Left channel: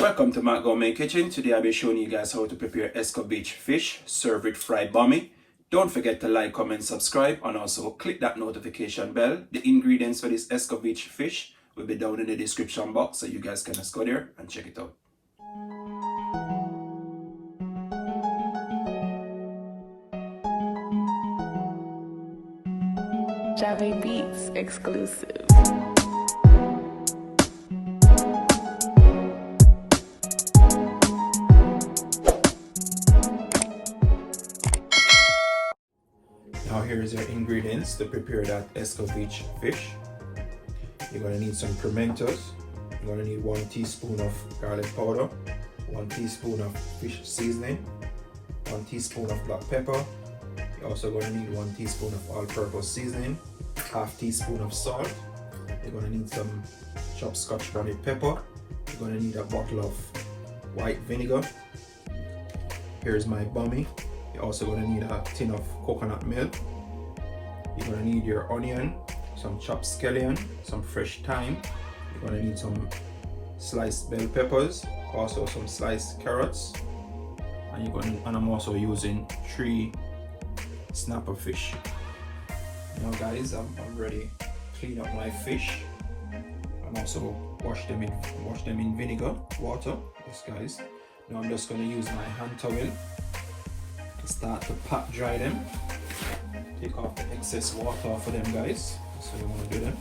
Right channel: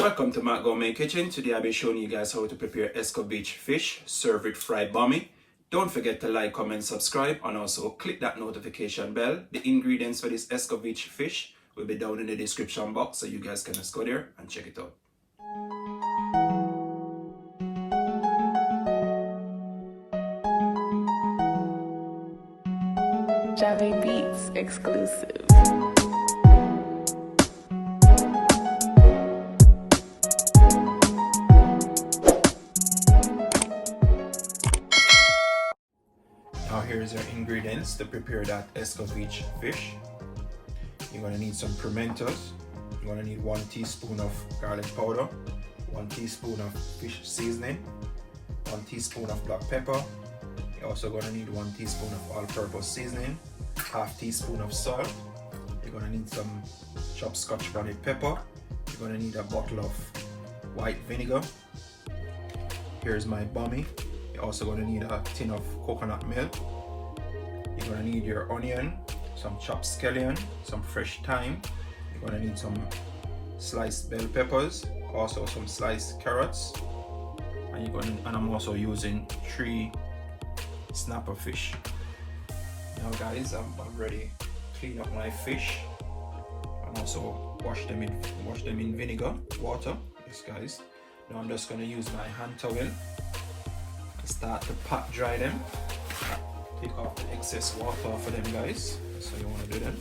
Welcome to Matt Gourmet Kitchen. Today I'll be showing you guys how to prepare Escovitch fish served with fried Bammy. Don't forget to like, comment, subscribe, and also click that notification bell. The ingredients for this Escovitch fish will be down in the description box, so you guys can just go there and check it out. Jave Beats exclusive. Now here's your ingredients to prepare that Escovitch fish. You're going to need some pimentos. You're going to need 1 teaspoon of garlic powder, 1 teaspoon of fish seasoning, 1 teaspoon of black pepper. You're also going to need 1 teaspoon of all-purpose seasoning, half teaspoon of salt. You're going to need some chopped scotch bonnet pepper. You're going to need a bottle of white vinegar. Here's my Bammy. You're also going to need a tin of coconut milk. You're going to need your onion, some chopped scallion, some fresh thyme. You're going to need some sliced bell peppers, also some sliced carrots, and I'm also using 3 snapper fish. Now guys, I've already cleaned up my fish and also wash them in vinegar water. Yes guys. Now I'm just going to use my hand towel to start to pat dry them. Take off the excess water off of them guys. That's how you want to do them.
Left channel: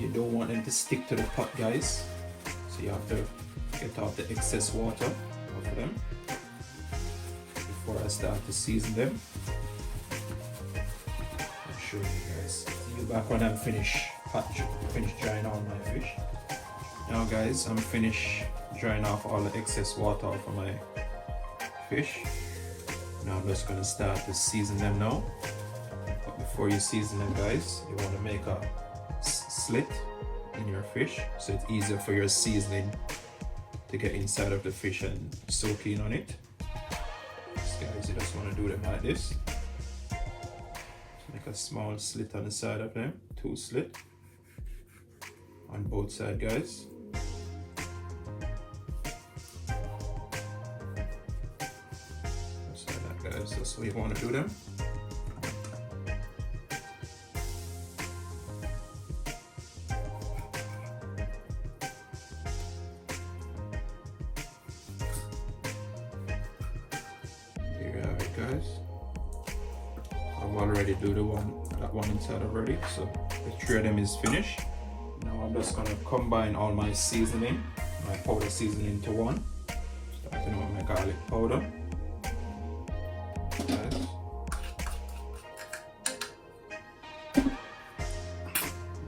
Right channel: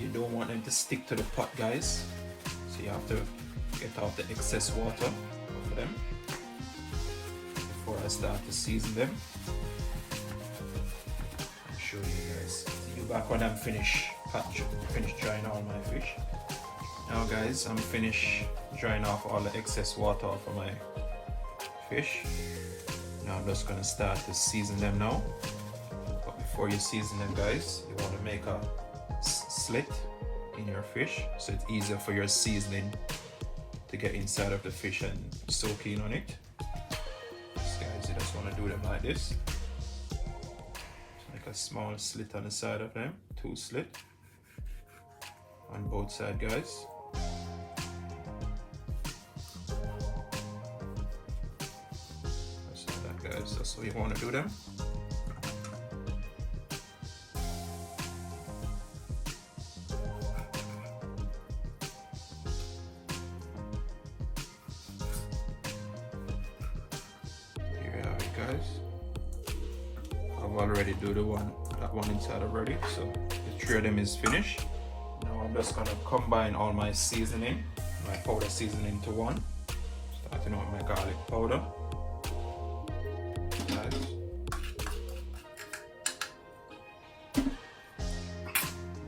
You don't want them to stick to the pot guys, so you have to get off the excess water off of them before I start to season them. I'll show you guys. I'll be back when I'm finished drying all my fish. Now guys, I'm finished drying off all the excess water off of my fish. Now I'm just going to start to season them now. But before you season them guys, you want to make a slit in your fish so it's easier for your seasoning to get inside of the fish and soak in on it. So guys, you just want to do them like this. Make a small slit on the side of them, 2 slits on both sides guys. Just like that guys, that's what you want to do them. I've already do that one inside already, so the 3 of them is finished. Now I'm just gonna combine all my seasoning, my powder seasoning into one. Starting with my garlic powder. Nice.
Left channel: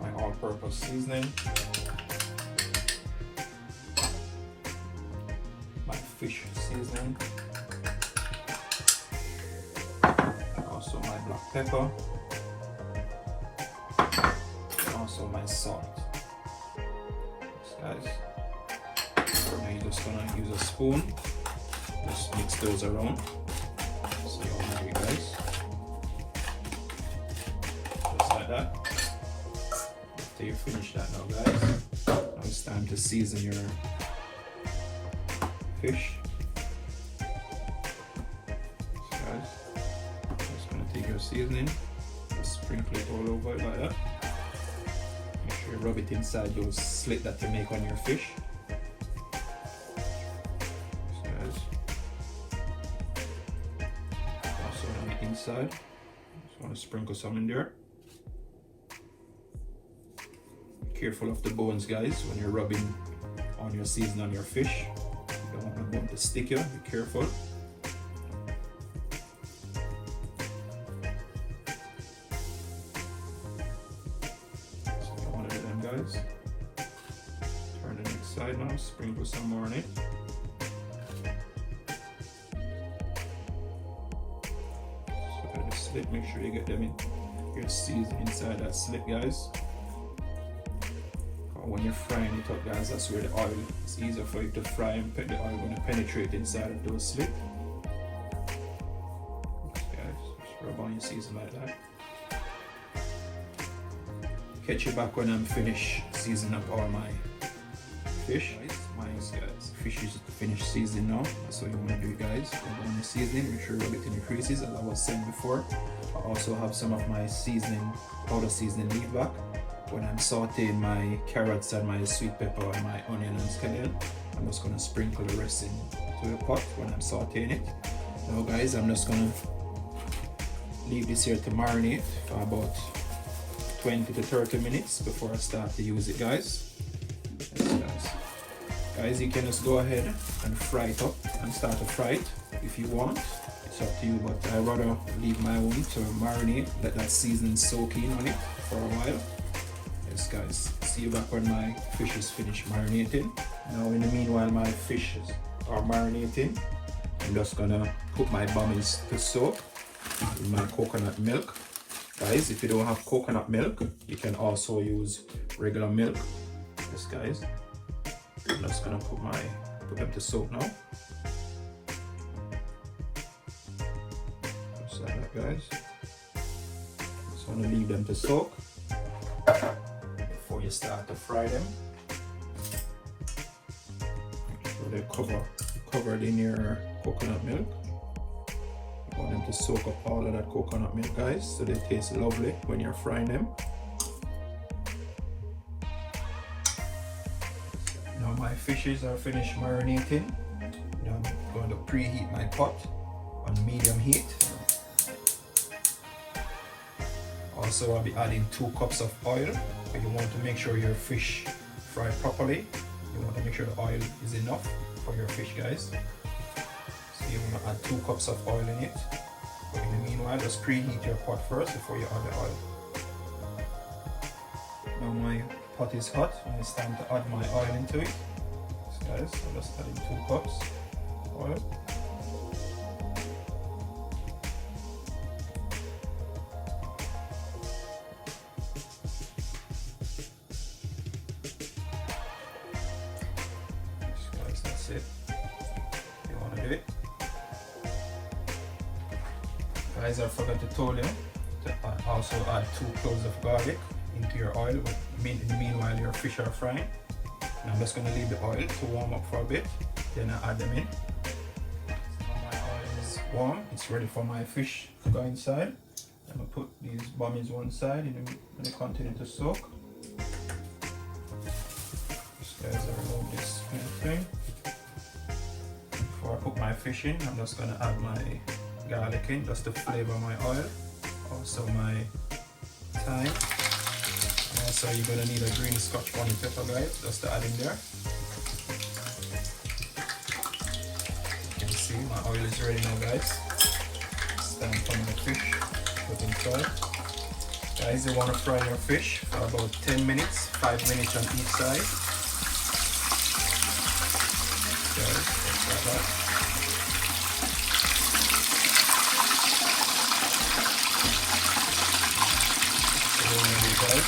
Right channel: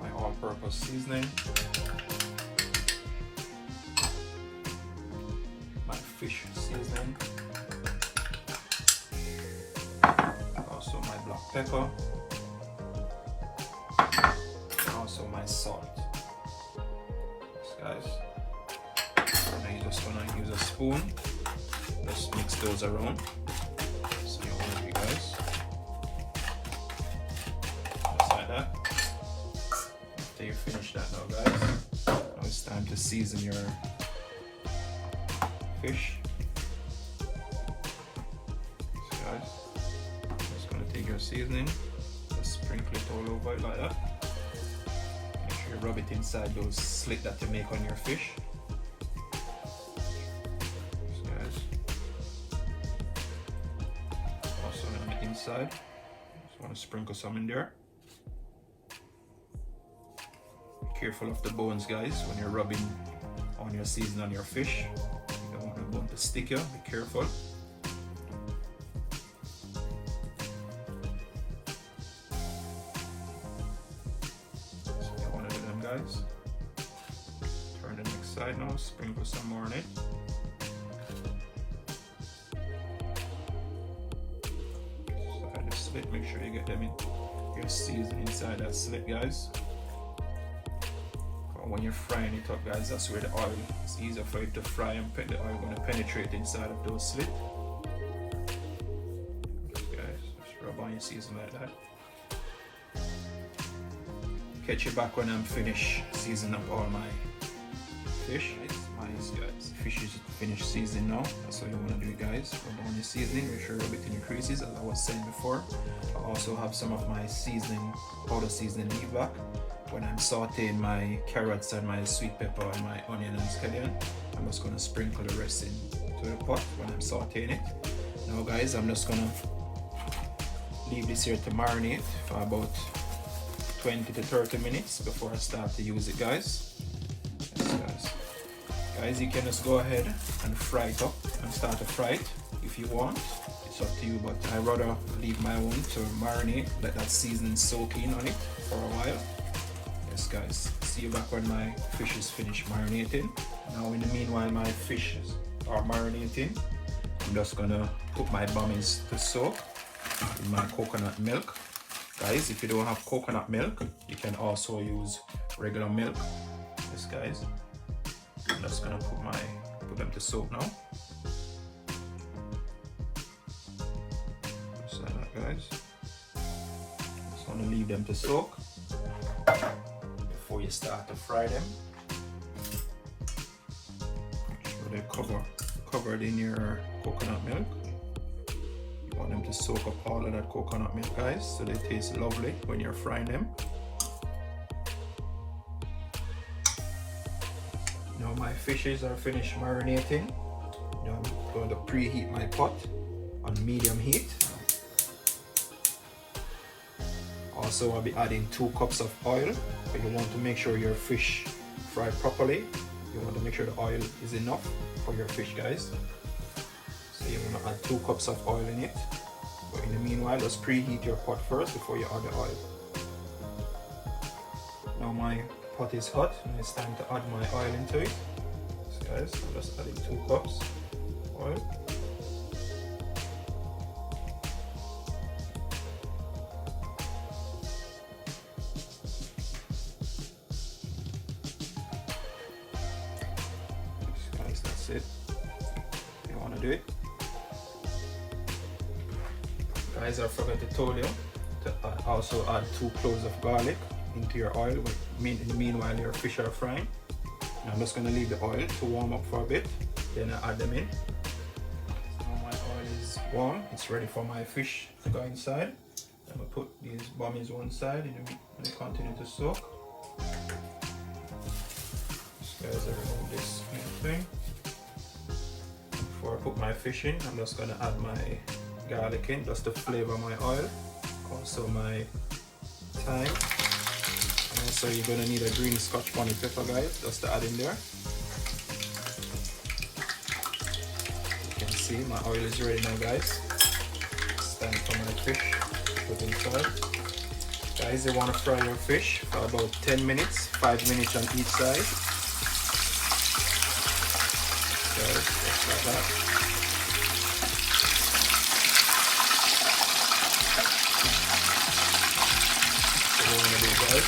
My all-purpose seasoning. My fish seasoning. Also my black pepper, and also my salt. Yes, guys. Now you're just gonna use a spoon, just mix those around. So you want to do guys, just like that. After you finish that now guys, now it's time to season your fish. Take your seasoning, just sprinkle it all over it like that. Make sure you rub it inside those slits that you make on your fish. So guys, also on the inside, just want to sprinkle some in there. Careful of the bones guys when you're rubbing on your seasoning on your fish. You don't want the bone to stick you, be careful. Turn the next side now, sprinkle some more on it. Slide the slit, make sure you get them in your seasoning inside that slit guys. When you're frying it up guys, that's where the oil, it's easier for you to fry and the oil going to penetrate inside of those slits. Guys, just rub on your seasoning like that. Catch you back when I'm finished seasoning up all my fish. Mine is guys finish seasoning now. That's what you want to do, guys. When you season, make sure it increases, as I was saying before. I also have some of my seasoning, powder seasoning leave back. When I'm sauteing my carrots and my sweet pepper and my onion and scallion, I'm just going to sprinkle the rest into the pot when I'm sauteing it. Now guys, I'm just going to leave this here to marinate for about 20 to 30 minutes before I start to use it, guys. Yes, guys, you can just go ahead and fry it up and start to fry it if you want. It's up to you, but I'd rather leave my own to marinate, let that seasoning soak in on it for a while. Yes guys, see you back when my fish is finished marinating. Now in the meanwhile my fishes are marinating, I'm just gonna put my bammies to soak in my coconut milk. Guys, if you don't have coconut milk, you can also use regular milk. Yes guys, I'm just gonna put them to soak now. Just like that, guys. Just gonna leave them to soak before you start to fry them. So they're covered in your coconut milk. You want them to soak up all of that coconut milk, guys, so they taste lovely when you're frying them. Now my fishes are finished marinating. Now I'm going to preheat my pot on medium heat. Also, I'll be adding 2 cups of oil. But you want to make sure your fish fry properly. You want to make sure the oil is enough for your fish, guys. So you want to add 2 cups of oil in it. But in the meanwhile, just preheat your pot first before you add the oil. Now my pot is hot and it's time to add my oil into it. So guys, I'm just adding 2 cups oil. That's it. You want to do it. Guys, I forgot to tell you to also add 2 cloves of garlic into your oil. In the meanwhile, your fish are frying. And I'm just going to leave the oil to warm up for a bit. Then I add them in. Now my oil is warm. It's ready for my fish to go inside. I'm going to put these bammies one side and they continue to soak. Just guys, I remove this thing. Before I put my fish in, I'm just going to add my garlic in just to flavor my oil. Also my thyme. Also, you're going to need a green scotch bonnet pepper, guys, just to add in there. You can see my oil is ready now, guys. It's time for my fish to put inside. Guys, you want to fry your fish for about 10 minutes, 5 minutes on each side. Guys, just like that. So we're going to do, guys.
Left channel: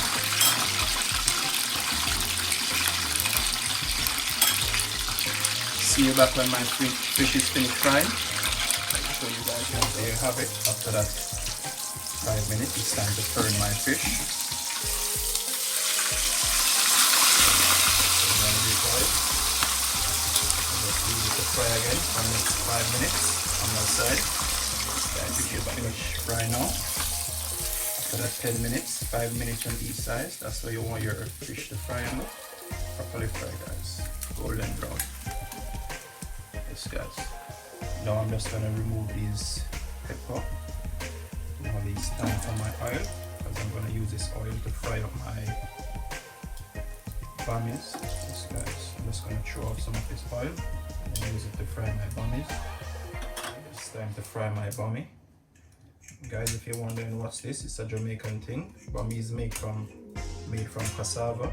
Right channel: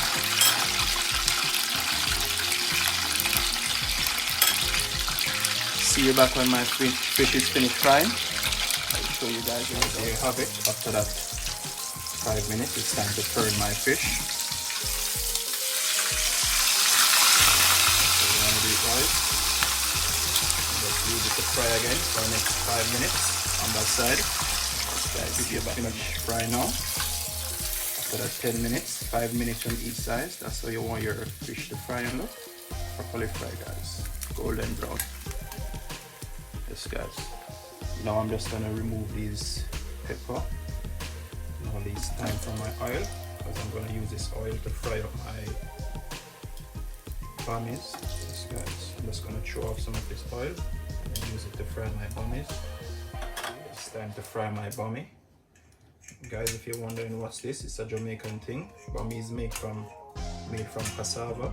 See you back when my fish is finished frying. I'll show you guys how I have it. After that 5 minutes, it's time to turn my fish. So we're going to do it all. Just leave it to fry again for the next 5 minutes on my side. So I'll give you about much fry now. After that 10 minutes, 5 minutes on each side. That's how you want your fish to fry now. Properly fry, guys. Golden brown. Guys, now I'm just gonna remove these pepper and all these thyme from my oil because I'm gonna use this oil to fry up my bammies. Yes, guys, I'm just gonna throw off some of this oil and use it to fry my bammies. It's time to fry my bammy. Guys, if you're wondering what's this, it's a Jamaican thing. Bammy is made from cassava.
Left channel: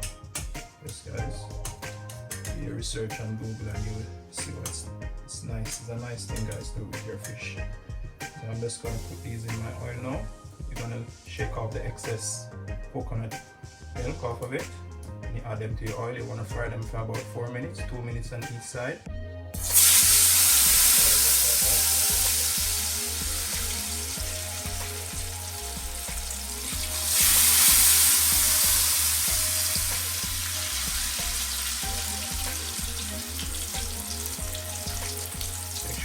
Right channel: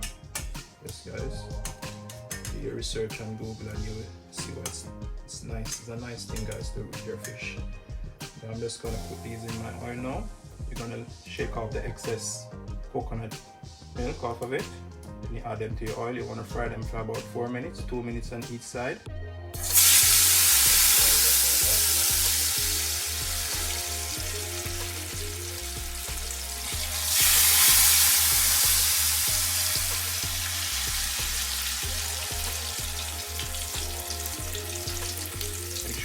Yes, guys. You research on Google and you will see what's nice. It's a nice thing, guys, to do with your fish. Now I'm just gonna put these in my oil now. You're gonna shake off the excess coconut milk off of it. And you add them to your oil. You wanna fry them for about 4 minutes, 2 minutes on each side.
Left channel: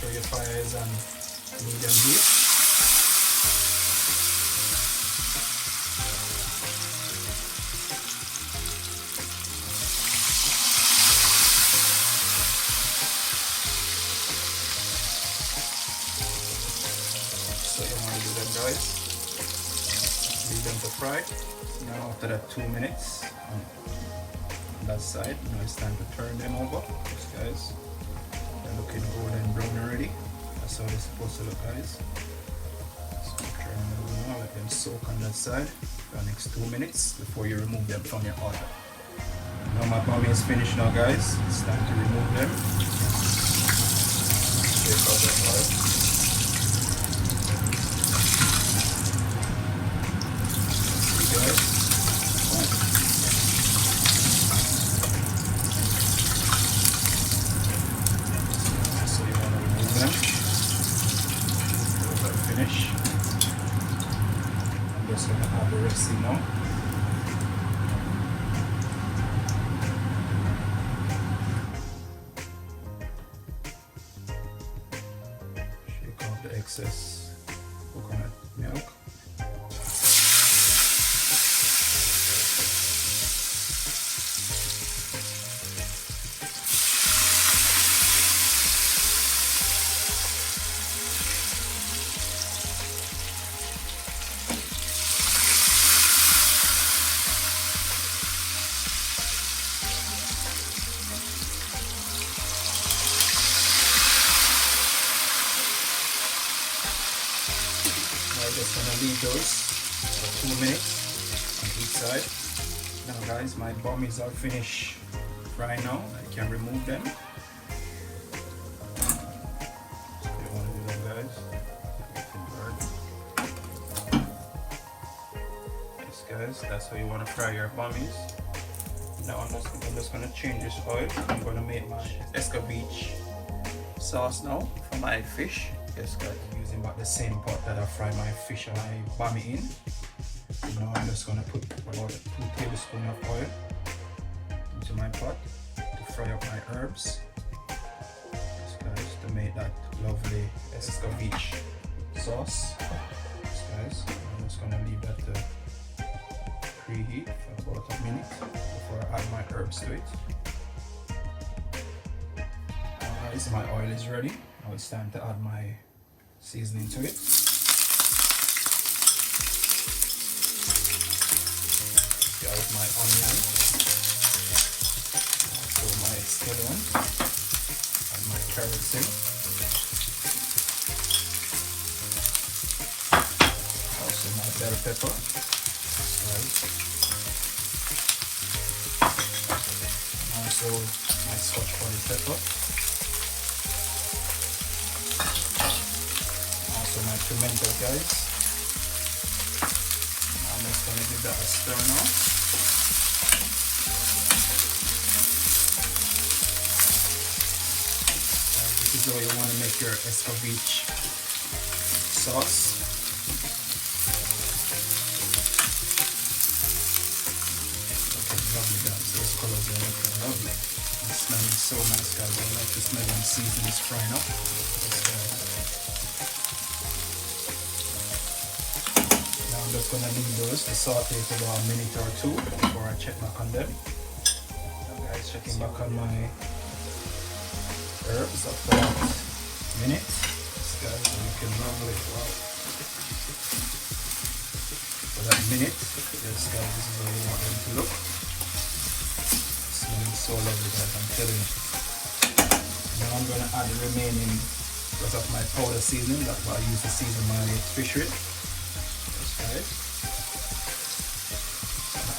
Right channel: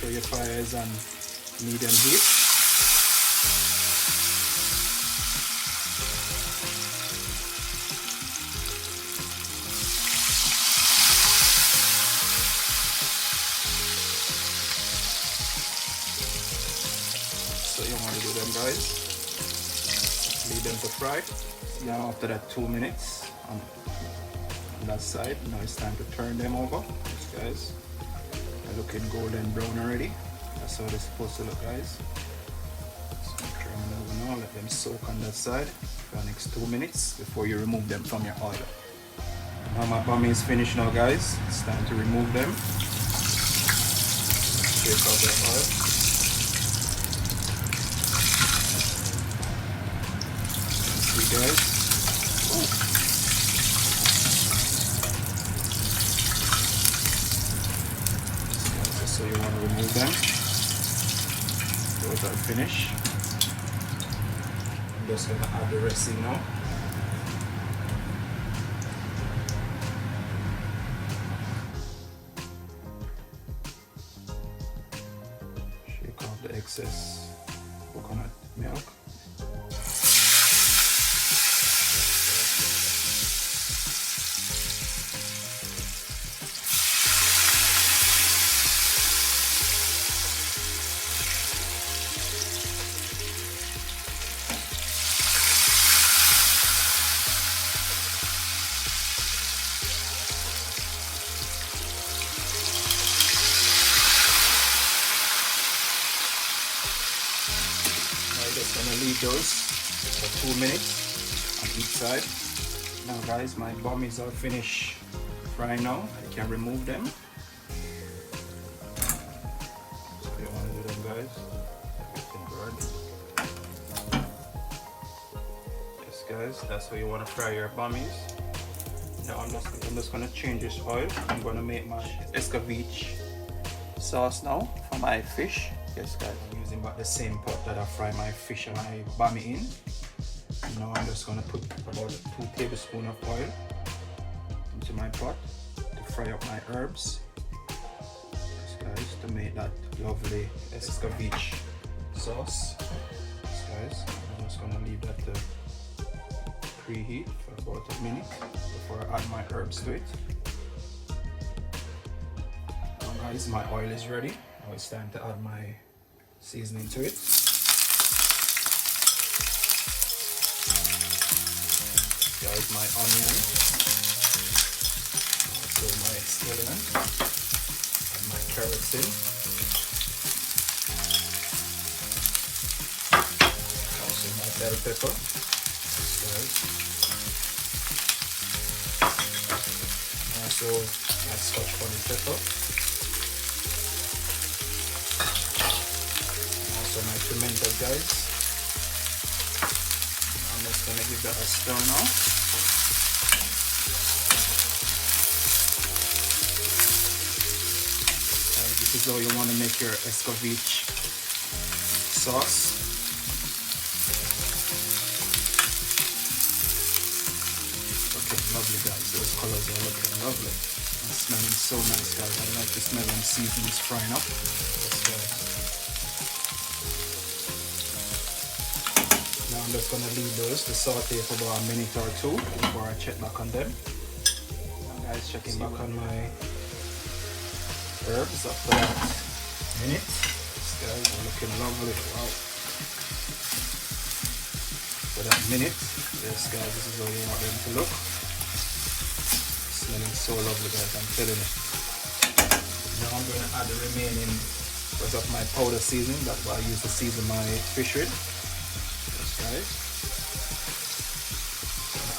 sure your fire is on medium heat. So you want to do them, guys. Leave them to fry. Now after that 2 minutes on that side, now it's time to turn them over. Yes, guys. They're looking golden brown already. That's how they're supposed to look, guys. So turn them over now, let them soak on that side for the next 2 minutes before you remove them from your oil. Now my bammy is finished now, guys. It's time to remove them. Take out the oil. Guys. So you want to remove them. Those are finished. I'm just going to add the rest in now. Shake off the excess coconut milk. I'm just gonna leave those for 2 minutes on each side. Now guys, my bammies are finished frying now. I can remove them. So you want to do them, guys. Yes guys, that's how you want to fry your bammies. Now I'm just gonna change this oil. I'm gonna make my Escovitch sauce now for my fish. Yes guys, I'm using about the same pot that I fry my fish and my bammy in. Now I'm just gonna put about 2 tablespoons of oil into my pot to fry up my herbs. Yes guys, to make that lovely Escovitch sauce. Yes guys, I'm just gonna leave that to preheat for about a minute before I add my herbs to it. Now guys, my oil is ready. Now it's time to add my seasoning to it. There's my onion. Also my scallion. And my carrots in. Also my bell pepper. Right. And also my scotch pepper. My pimento, guys. I'm just gonna give that a stir now. This is how you want to make your Escovitch sauce. Looking lovely, guys. Those colors are looking lovely. It's smelling so nice, guys. I like the smell when seasoning is frying up. I'm just going to leave those to saute for about a minute or two before I check back on them. Now guys, checking back on my herbs after that minute. This guys are looking lovely. Wow. For that minute, this guys, this is how we want them to look. It's smelling so lovely, guys, I'm telling you. Now I'm going to add the remaining rest of my powder seasoning. That's what I use to season my fish with. Right.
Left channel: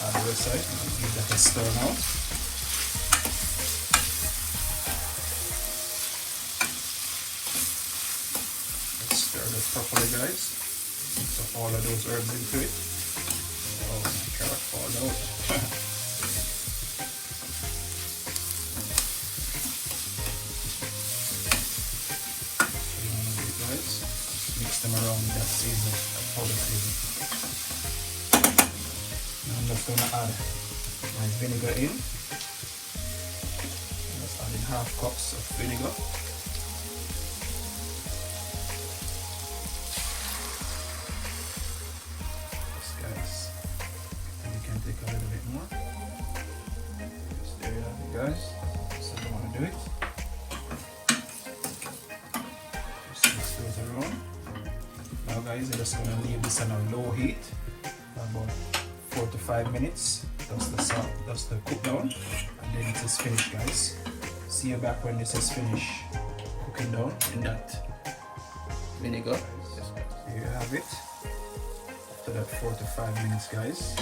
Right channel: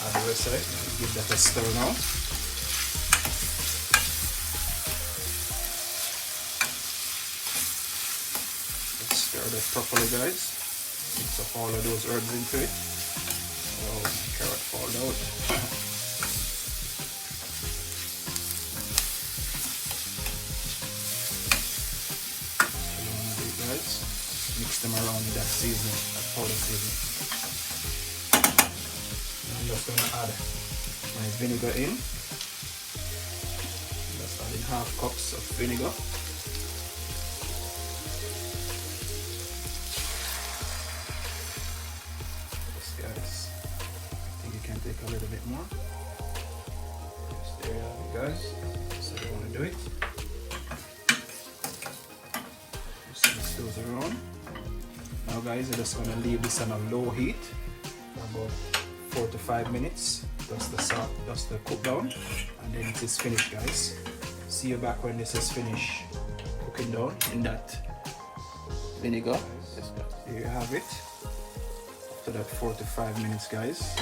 Add the rest right. Give that a stir now. Let's stir that properly, guys. So all of those herbs into it. Oh, carrot fall out. Guys, mix them around with that seasoning, powder seasoning. I'm just going to add my vinegar in. Just adding 1/2 cups of vinegar. guys, you're just gonna leave this on a low heat for about 4 to 5 minutes. Just the salt, just the cook down, and then it is finished, guys. See you back when this is finished cooking down in that vinegar. There you have it. After that 4 to 5 minutes, guys,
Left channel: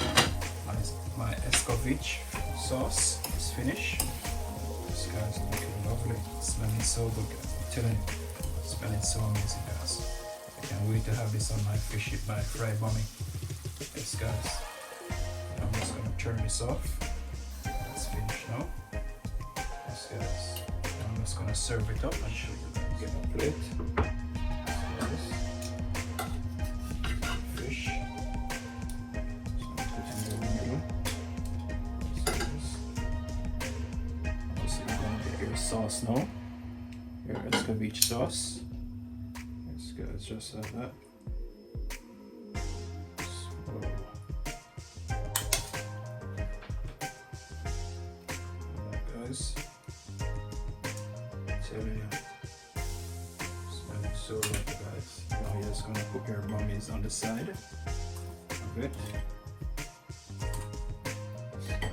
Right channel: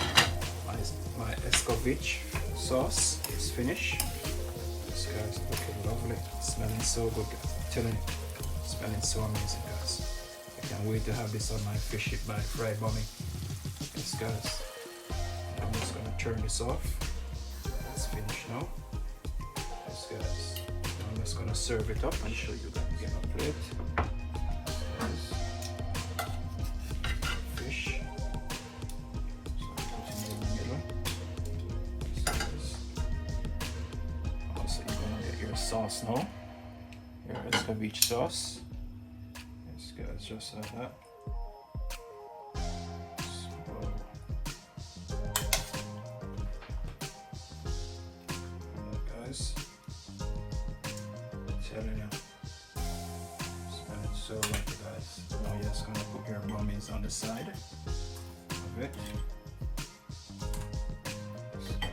my Escovitch sauce is finished. This guy's looking lovely, smelling so good. I'm telling you, smelling so amazing, guys. I can't wait to have this on my fish by fried Bammy. Yes, guys. I'm just gonna turn this off. That's finished now. Yes, guys. I'm just gonna serve it up and show you that. Get a plate. This fish. So I'm putting it in the middle. So you're gonna get your sauce now. Your Escovitch sauce. Yes, guys, just like that. Telling you, smelling so good, guys. Now you're just gonna put your Bammies on the side of it. Just like that.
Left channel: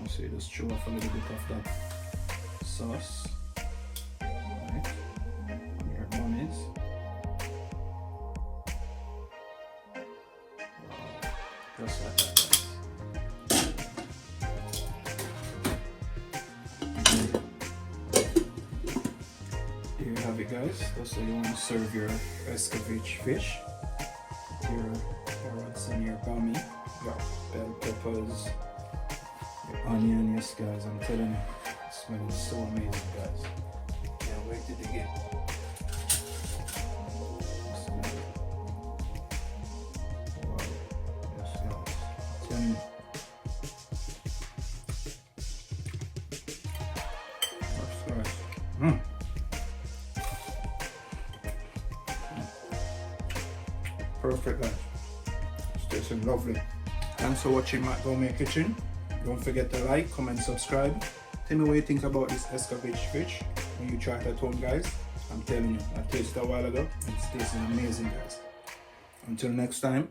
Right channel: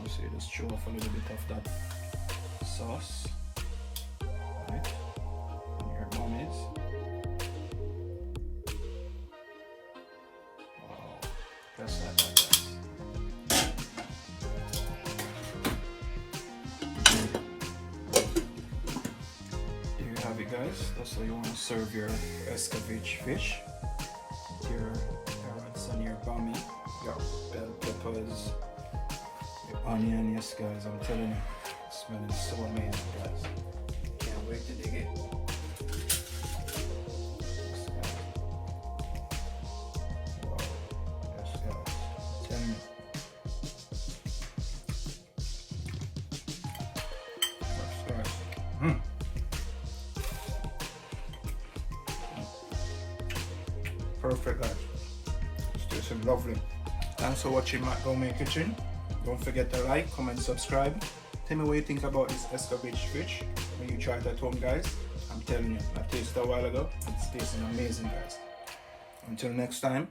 You see, just chew off a little bit of that sauce. Right. On your Bammies. Just like that. Here you have it, guys. That's how you want to serve your Escovitch fish. Your carrots and your Bammy, your bell peppers, your onion. Yes, guys, I'm telling you, it's smelling so amazing, guys. Can't wait to dig in. Perfect, guys. It's tasting lovely. Thanks for watching Matt Gourmet Kitchen. Don't forget to like, comment, subscribe. Tell me what you think about this Escovitch fish when you try it at home, guys. I'm telling you, I tasted it a while ago and it's tasting amazing, guys. Until next time.